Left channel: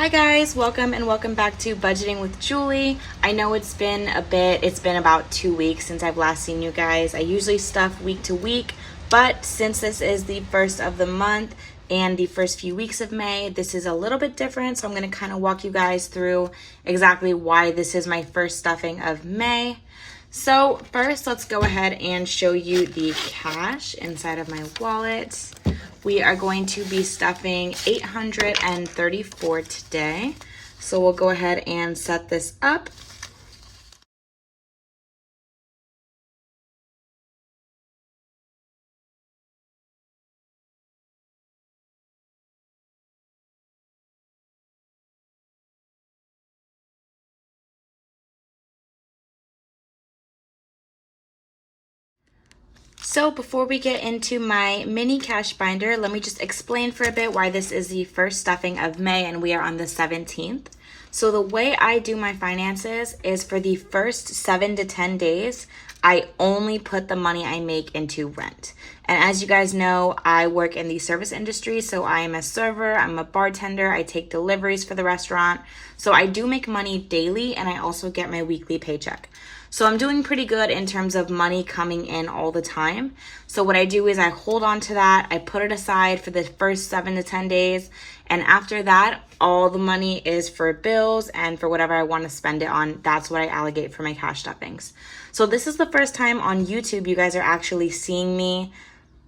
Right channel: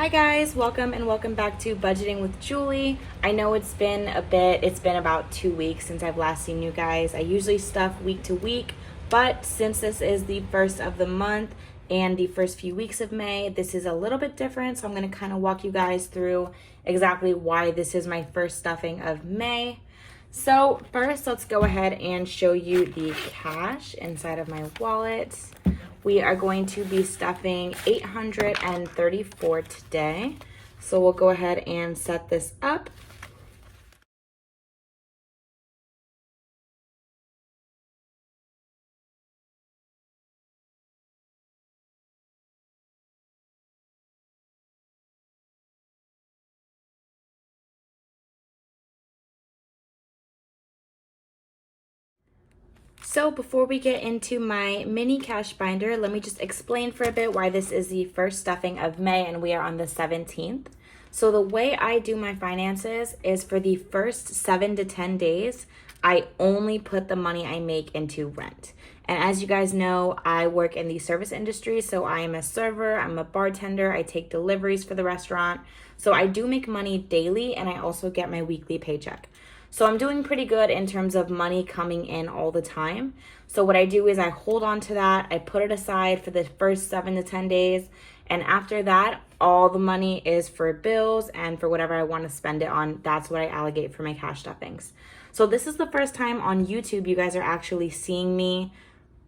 Hi guys, welcome and welcome back to Budgeting with Julie. I know it's been a bit, it's been about 2 weeks since I've last seen you guys. I usually stuff week to week, but since this is the first of the month and the first few weeks of May, this is a little bit different. So I'm going to kind of walk you guys through exactly why this is my first stuffing of May. So first, let's go ahead and show you the cash inside of my wallet. We are going to be stuffing $834 today. So we'll go ahead and set this up. So before we get into my mini cash binder, let me just explain for a bit why this is the first stuffing of May and we are on the 17th. So the way I do my finances is for the first 7 to 10 days, I only put the money I make into rent. And as you guys know, I work in the service industry, so I am a server, I'm a bartender, I take deliveries for the restaurant. So I do make money daily and I also get my weekly paycheck. So I'm doing pretty good in terms of money coming in all the time. So what I do is I hold on to that, I put it aside for the first 7 to 10 days. And after that, all the money is for bills and for whatever I want to spend it on. That's what I allocate for my cash stuffings. So this is the first time on YouTube you guys are actually seeing me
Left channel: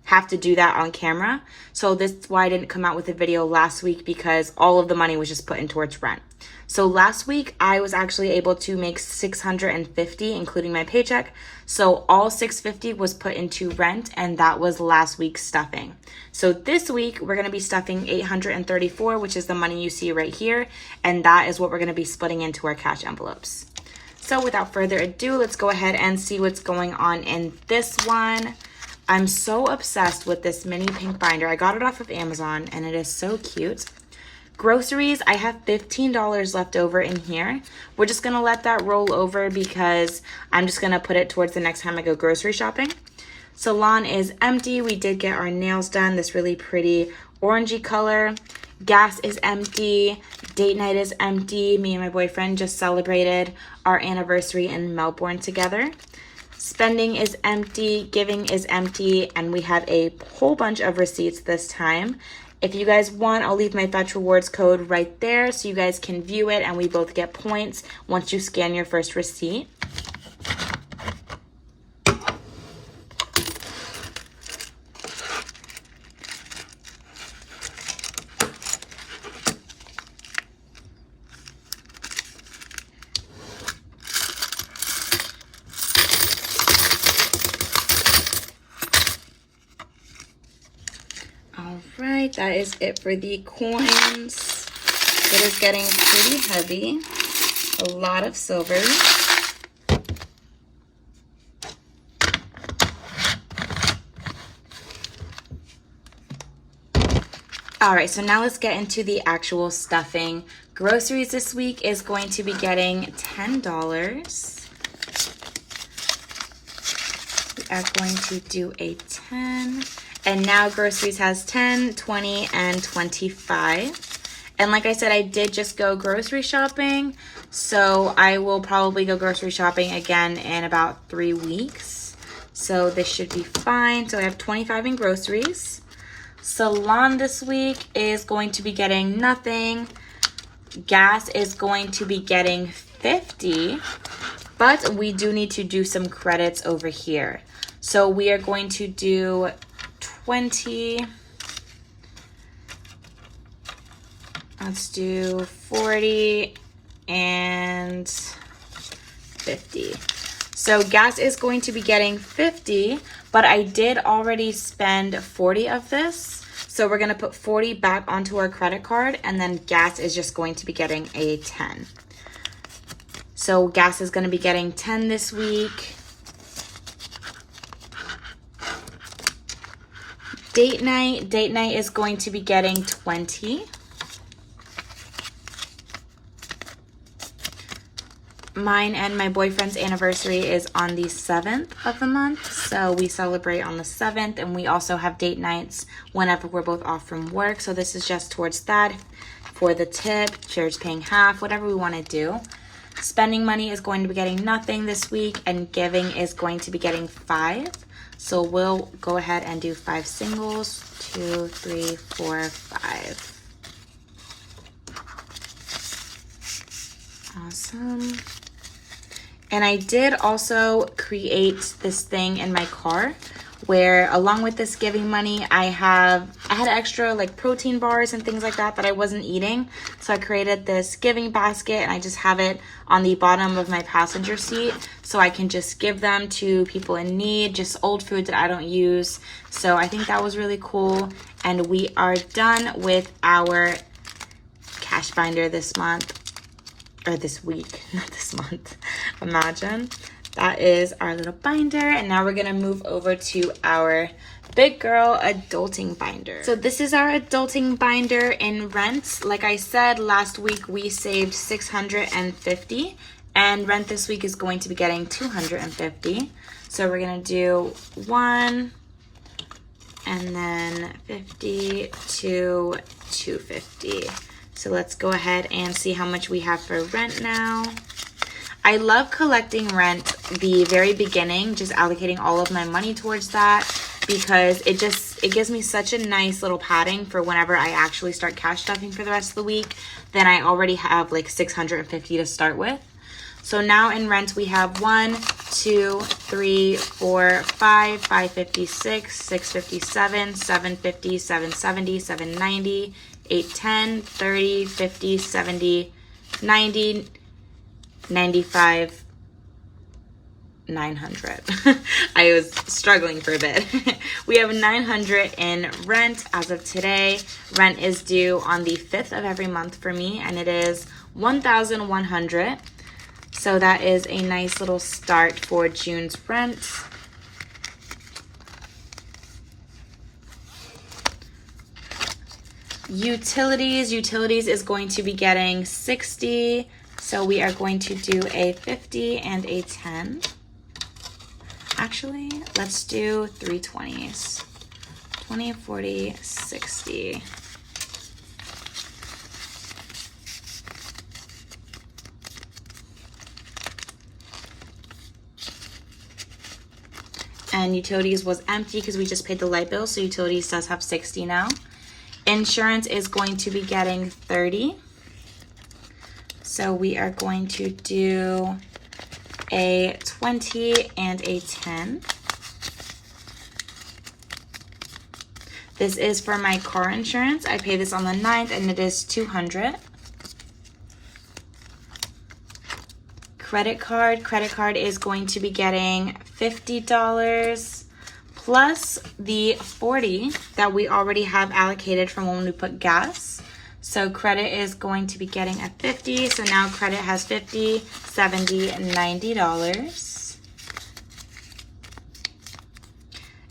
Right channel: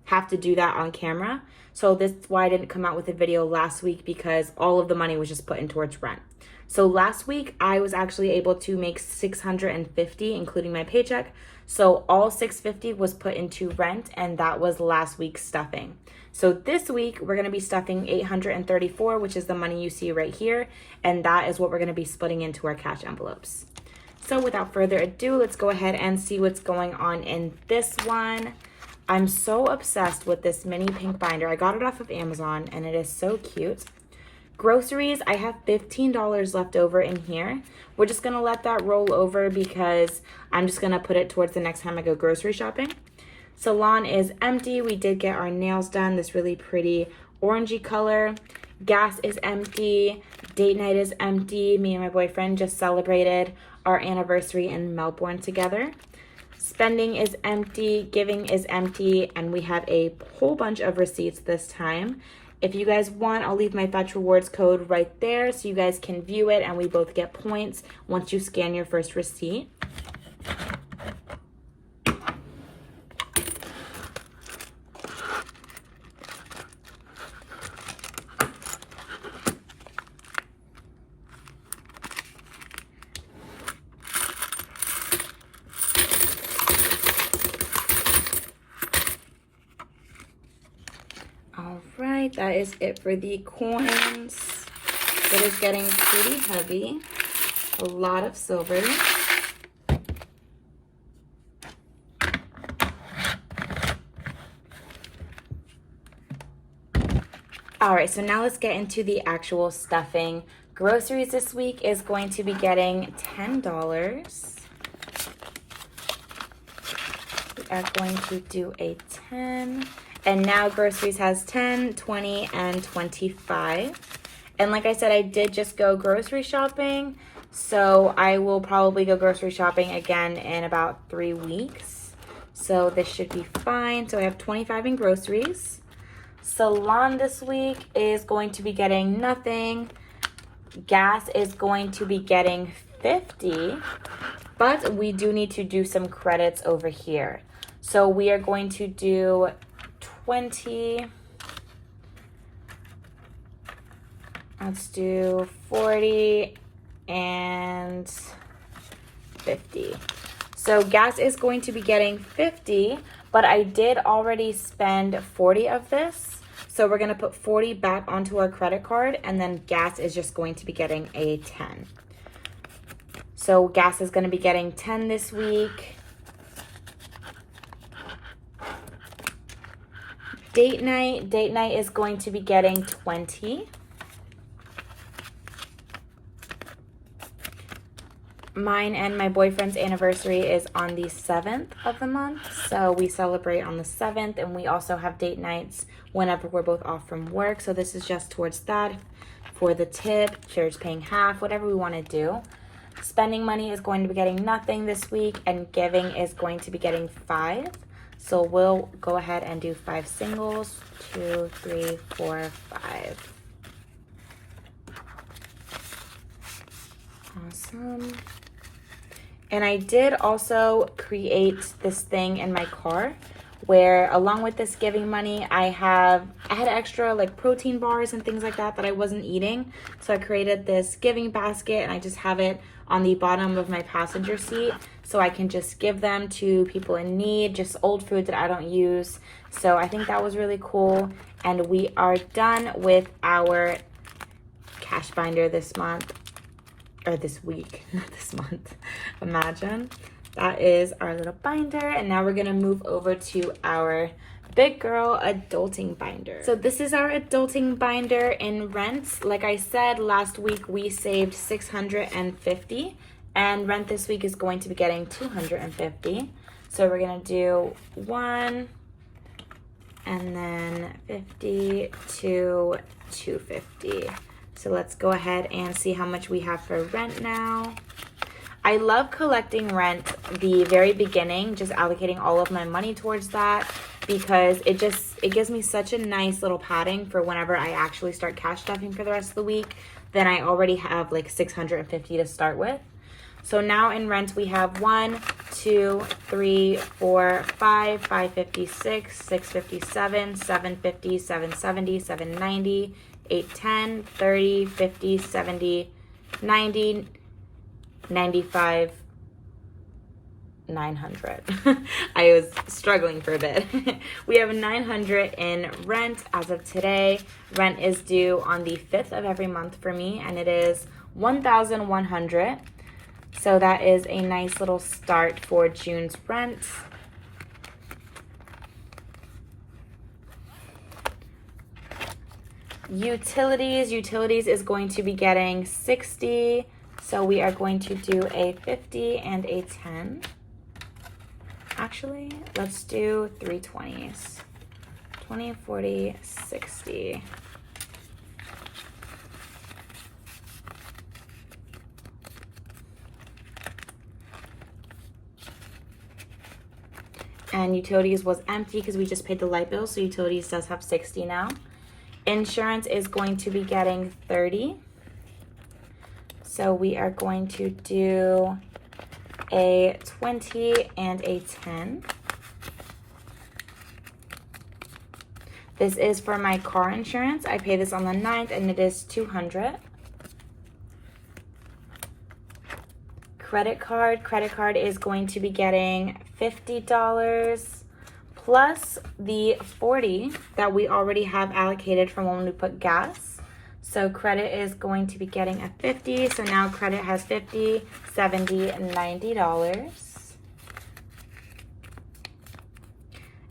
have to do that on camera. So this is why I didn't come out with a video last week, because all of the money was just put in towards rent. So last week I was actually able to make $650, including my paycheck. So all $650 was put into rent, and that was last week's stuffing. So this week we're going to be stuffing $834, which is the money you see right here, and that is what we're going to be splitting into our cash envelopes. So without further ado, let's go ahead and see what's going on in this one. I'm so obsessed with this mini pink binder. I got it off of Amazon and it is so cute. Groceries, I have $15 left over in here. We're just gonna let that roll over because I'm just gonna put it towards the next time I go grocery shopping. Salon is empty. We did get our nails done, this really pretty orangey color. Gas is empty. Date night is empty. Me and my boyfriend just celebrated our anniversary in Melbourne together. Spending is empty, giving is empty, and we have a whole bunch of receipts this time. If you guys want, I'll leave my Fetch Rewards code right there so you guys can view it and we both get points once you scan your first receipt. Alright, that is it for the coins. It is getting pretty heavy. A lot of silver. Alright, so now let's get into the actual stuffing. Groceries this week is going to be getting $10. We are going to do a 10. And now groceries has 10, 20, and 25. And like I said, I did just go grocery shopping. So I will probably go grocery shopping again in about 3 weeks. So this should be fine. So I have 25 in groceries. Salon this week is going to be getting nothing. Gas is going to be getting 50. But we do need to do some credits over here. So we are going to do 20. Let's do 40 and 50. So gas is going to be getting 50, but I did already spend 40 of this. So we're going to put 40 back onto our credit card, and then gas is just going to be getting a 10. So gas is going to be getting 10 this week. Date night is going to be getting 20. Mine and my boyfriend's anniversary is on the 7th of the month, so we celebrate on the 7th, and we also have date nights whenever we're both off from work, so this is just towards that. for the tip. Chair's paying half, whatever we want to do. Spending money is going to be getting nothing this week, and giving is going to be getting 5. So we'll go ahead and do 5 singles. 2, 3, 4, 5. Awesome. And I did also create this thing in my car where, along with this giving money, I had extra like protein bars and things like that I wasn't eating. So I created this giving basket, and I just have it on the bottom of my passenger seat so I can just give them to people in need, just old food that I don't use. So I think that was really cool. And we are done with our cash binder this month, or this week, not this month. Imagine. That is our little binder, and now we're gonna move over to our big girl adulting binder. So this is our adulting binder in rent. Like I said, last week we saved $650, and rent this week is going to be getting $250. So we're gonna do 1, and then 50 to 250. So let's go ahead and see how much we have for rent now. I love collecting rent the very beginning, just allocating all of my money towards that, because it gives me such a nice little padding for whenever I actually start cash stuffing for the rest of the week. Then I already have like $650 to start with. So now in rent we have 1, 2, 3, 4, 5, 556, 657, 750, 770, 790, 810, 30, 50, 70, 90, 95, 900. I was struggling for a bit. We have 900 in rent as of today. Rent is due on the 5th of every month for me, and it is 1,100. So that is a nice little start for June's rent. Utilities is going to be getting 60. So we are going to do a 50 and a 10. Actually, let's do 3 20s. 20, 40, 60. And utilities was empty because we just paid the light bill, so utilities does have 60 now. Insurance is going to be getting 30. So we are going to do a 20 and a 10. This is for my car insurance. I pay this on the 9th, and it is $200. Credit card is going to be getting $50 plus the $40 that we already have allocated from when we put gas. So credit is going to be getting a $50. So now credit has $50, $70, and $90.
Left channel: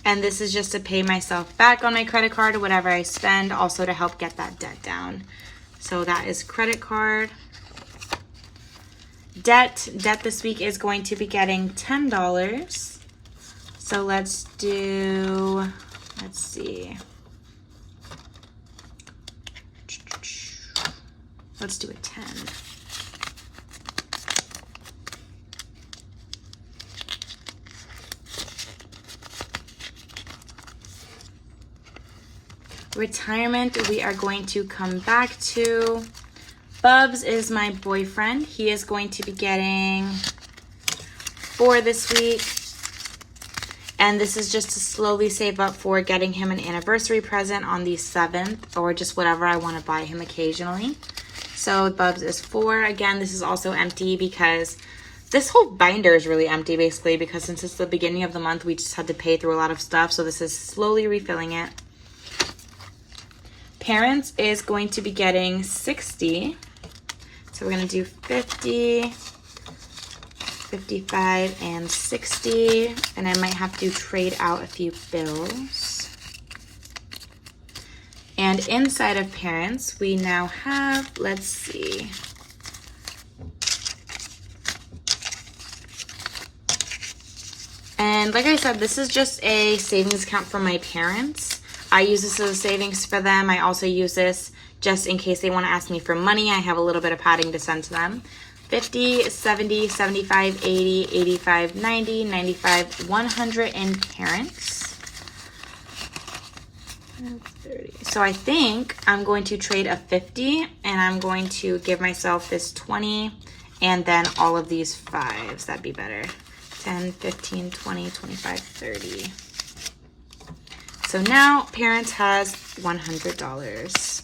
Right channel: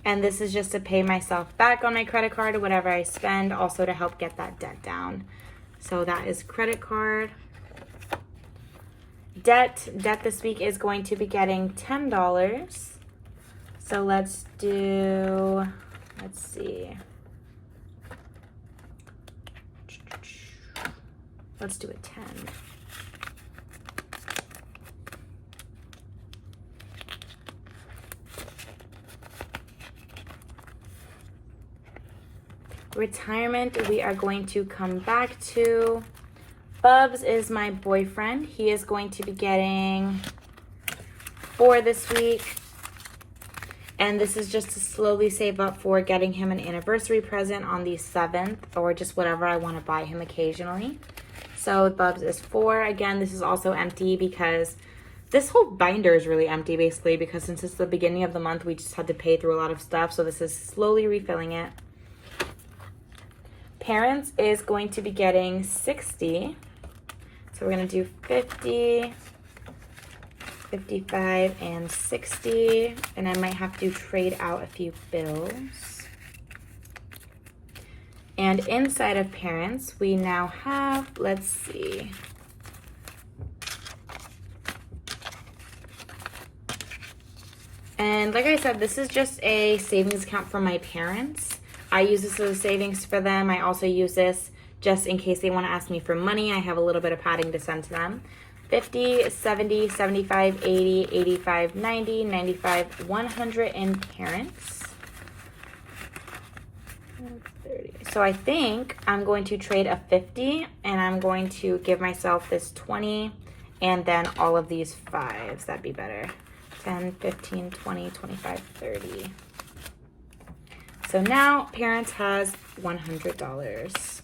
And this is just to pay myself back on my credit card or whatever I spend, also to help get that debt down. So that is credit card. Debt this week is going to be getting $10. So let's see. Let's do a 10. Retirement, we are going to come back to. Bubs is my boyfriend. He is going to be getting 4 this week. And this is just to slowly save up for getting him an anniversary present on the 7th, or just whatever I want to buy him occasionally. So Bubs is 4. Again, this is also empty because this whole binder is really empty basically, because since it's the beginning of the month, we just had to pay through a lot of stuff. So this is slowly refilling it. Parents is going to be getting 60. So we're going to do 50, 55, and 60. And I might have to trade out a few bills. And inside of parents, we now have, let's see. And like I said, this is just a savings account for my parents. I use this as a savings for them. I also use this just in case they want to ask me for money. I have a little bit of padding to send to them. 50, 70, 75, 80, 85, 90, 95, 100 in parents. 30. So I think I'm going to trade a 50 and I'm going to give myself this 20 and then all of these 5s. That'd be better. 10, 15, 20, 25, 30. So now parents has $100.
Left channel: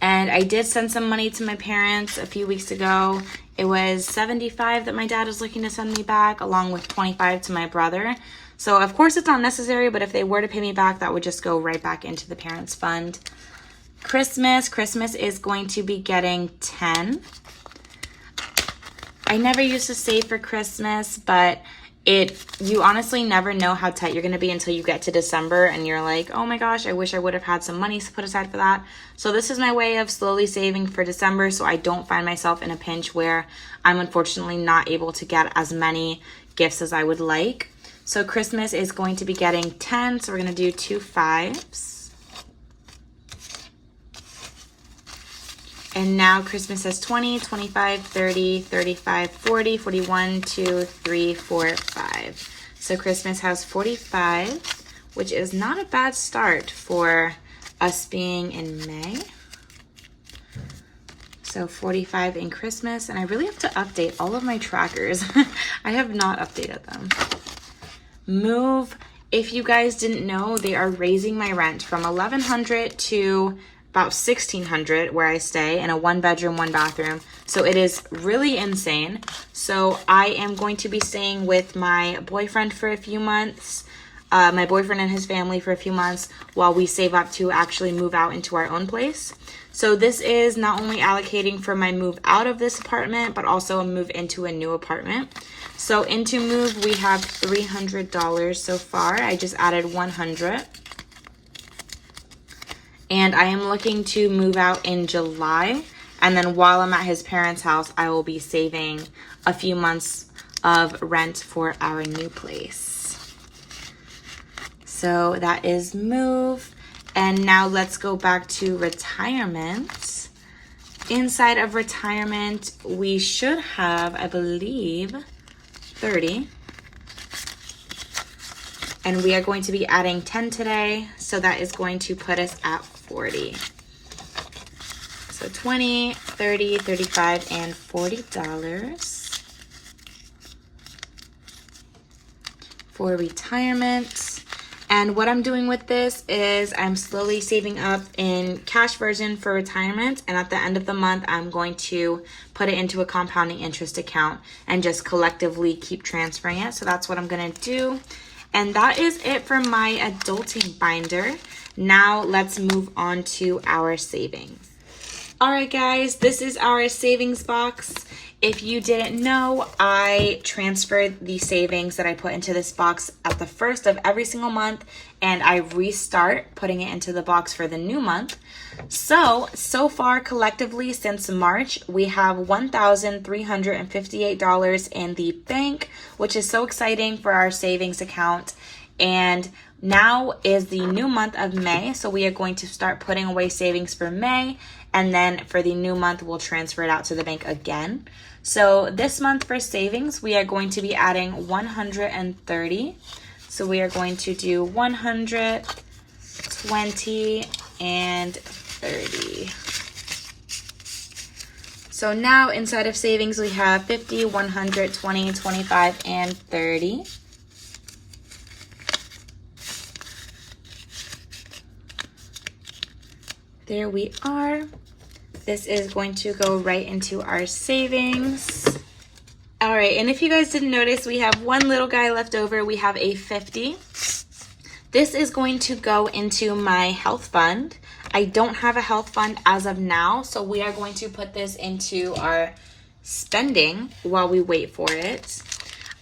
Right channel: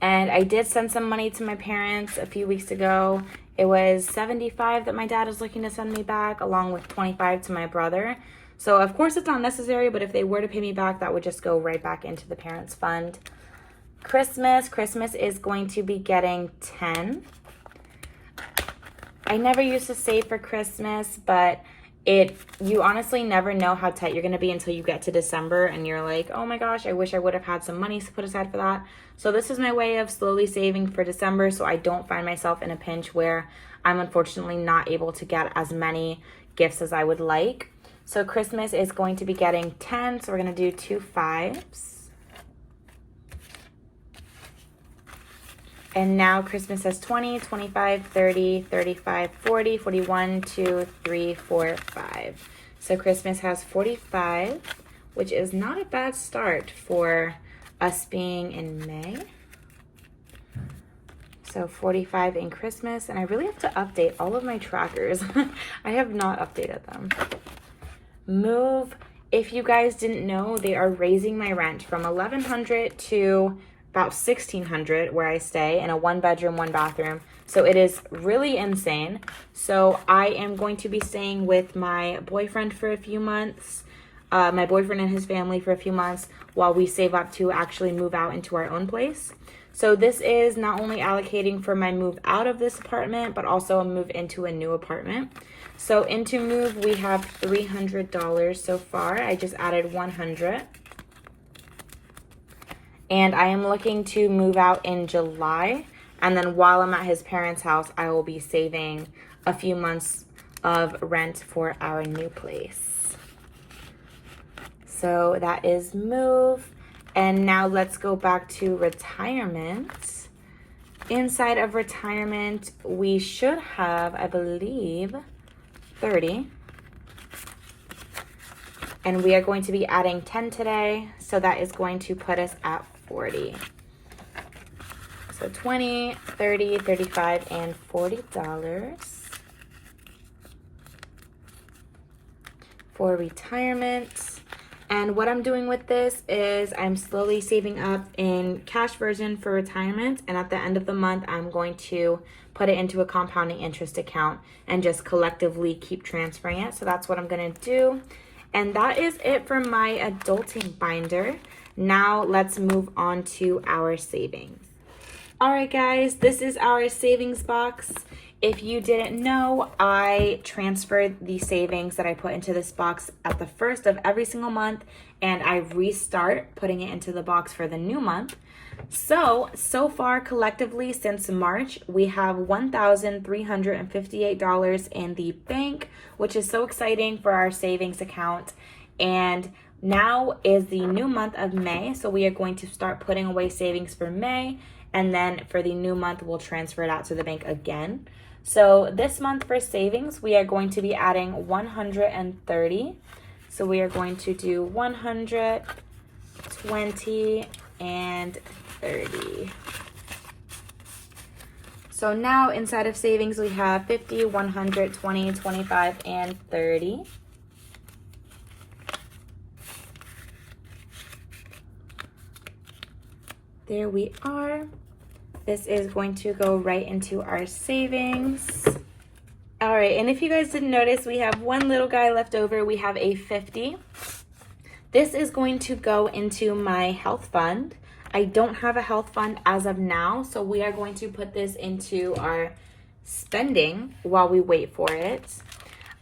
And I did send some money to my parents a few weeks ago. It was 75 that my dad was looking to send me back, along with 25 to my brother. So of course it's not necessary, but if they were to pay me back, that would just go right back into the parents fund. Christmas is going to be getting 10. I never used to save for Christmas, but you honestly never know how tight you're going to be until you get to December and you're like, oh my gosh, I wish I would have had some money to put aside for that. So this is my way of slowly saving for December so I don't find myself in a pinch where I'm unfortunately not able to get as many gifts as I would like. So Christmas is going to be getting 10, so we're going to do 2 5s. And now Christmas has 20, 25, 30, 35, 40, 41, 2, 3, 4, 5. So Christmas has 45, which is not a bad start for us being in May. So 45 in Christmas, and I really have to update all of my trackers. I have not updated them. Move. If you guys didn't know, they are raising my rent from $1,100 to about $1,600 where I stay in a 1-bedroom, 1-bathroom. So it is really insane. So I am going to be staying with my boyfriend for a few months, my boyfriend and his family for a few months while we save up to actually move out into our own place. So this is not only allocating for my move out of this apartment, but also a move into a new apartment. So into move, we have $300 so far. I just added 100. And I am looking to move out in July. And then while I'm at his parents' house, I will be saving a few months of rent for our new place. So that is move. And now let's go back to retirement. Inside of retirement, we should have, I believe, 30. And we are going to be adding 10 today. So that is going to put us at 40. So 20, 30, 35, and $40 for retirement. And what I'm doing with this is I'm slowly saving up in cash version for retirement. And at the end of the month, I'm going to put it into a compounding interest account and just collectively keep transferring it. So that's what I'm going to do. And that is it for my adulting binder. Now let's move on to our savings. All right, guys, this is our savings box. If you didn't know, I transferred the savings that I put into this box at the first of every single month, and I restart putting it into the box for the new month. So far collectively since March, we have $1,358 in the bank, which is so exciting for our savings account. And now is the new month of May, so we are going to start putting away savings for May, and then for the new month, we'll transfer it out to the bank again. So this month for savings, we are going to be adding 130. So we are going to do 100, 20, and 30. So now inside of savings, we have 50, 100, 20, 25, and 30. There we are. This is going to go right into our savings. All right, and if you guys didn't notice, we have one little guy left over. We have a 50. This is going to go into my health fund. I don't have a health fund as of now, so we are going to put this into our spending while we wait for it.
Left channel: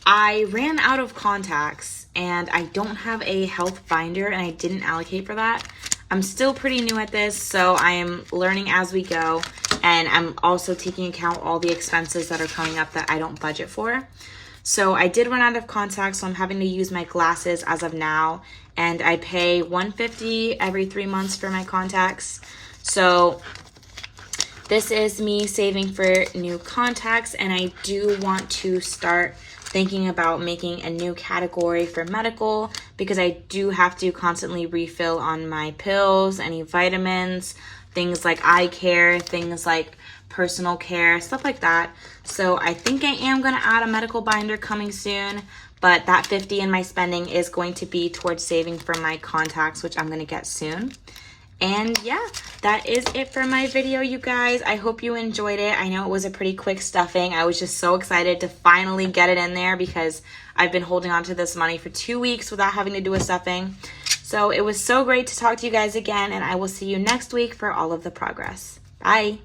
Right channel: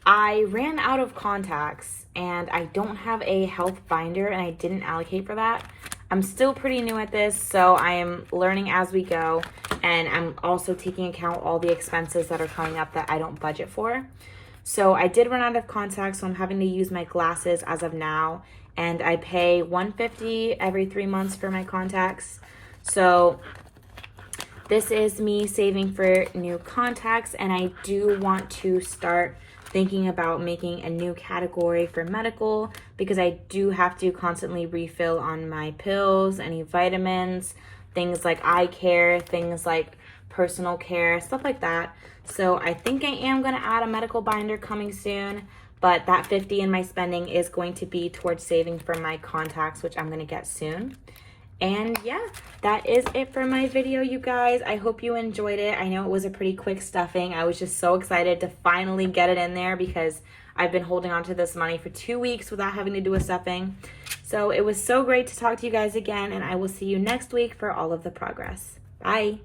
I ran out of contacts and I don't have a health binder and I didn't allocate for that. I'm still pretty new at this, so I am learning as we go, and I'm also taking account all the expenses that are coming up that I don't budget for. So I did run out of contacts, so I'm having to use my glasses as of now, and I pay $150 every 3 months for my contacts. So this is me saving for new contacts, and I do want to start thinking about making a new category for medical because I do have to constantly refill on my pills, any vitamins, things like eye care, things like personal care, stuff like that. So I think I am going to add a medical binder coming soon, but that $50 in my spending is going to be towards saving for my contacts, which I'm going to get soon. And yeah, that is it for my video, you guys. I hope you enjoyed it. I know it was a pretty quick stuffing. I was just so excited to finally get it in there because I've been holding on to this money for 2 weeks without having to do a stuffing. So it was so great to talk to you guys again, and I will see you next week for all of the progress. Bye.